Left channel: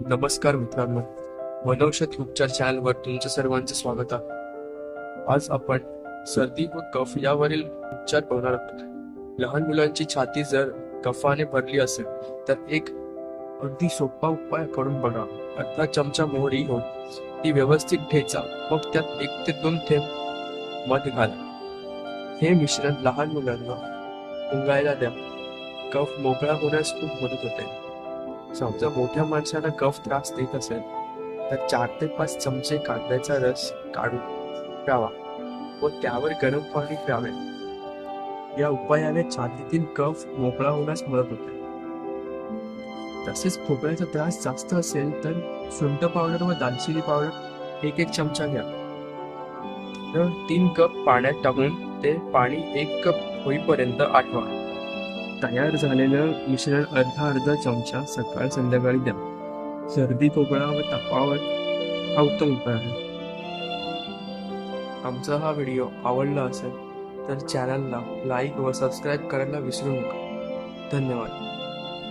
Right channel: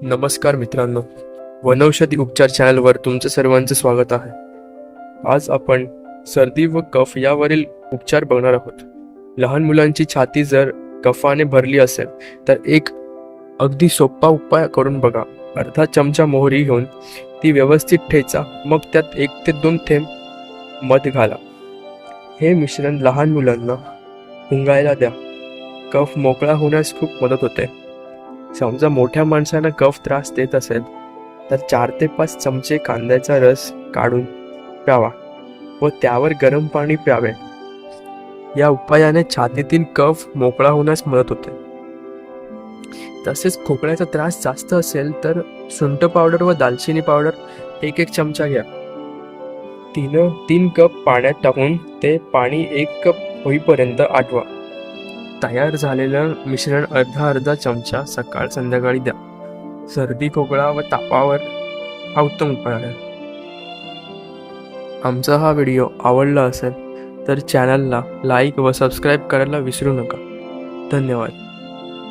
नमस्कार मित्रांनो, वनौषधी उपचार चॅनलवर तुमचं सर्वांचं स्वागत आहे. आज आपण सर्दी व कफ यावरील उपचार बघणार आहोत. लहान मुलांची छाती जर कफाने भरली असेल तर एक अगदी सोपा उपाय करून बघा. अर्धा चमचा मोहरी घेऊन ती व्यवस्थित ठेचा, मग त्यात 1 ते 2 थेंब मध घाला. हे मिश्रण लहान मुलांना पिंगायला द्या. कफ मोकळा होण्यास खूप मदत होते. समजा मोठ्या माणसांना कफ त्रास देत असेल तर 4 ते 5 चमचे कांद्याचा रस काढून प्यावा व त्यावर गरम पाणी प्यावे. या उपायाने छातीतील कफ मोकळा होण्यास मदत होते. तसेच खोकल्याचा त्रास जास्त असेल तर सुंठ पावडर व दालचिनी पावडर 1 चमचा घ्या. 3 कप पाण्यात टाकून ते पाणी 1 कप होईपर्यंत आटवा. तयार झालेलं मिश्रण अर्धा चमचा सकाळ संध्याकाळी द्या. सर्दी खोकला व तापावर हा उत्तम उपाय आहे. आमचा हा व्हिडिओ आवडला असेल तर चॅनलला लाईक व सबस्क्राईब करायला विसरू नका. धन्यवाद.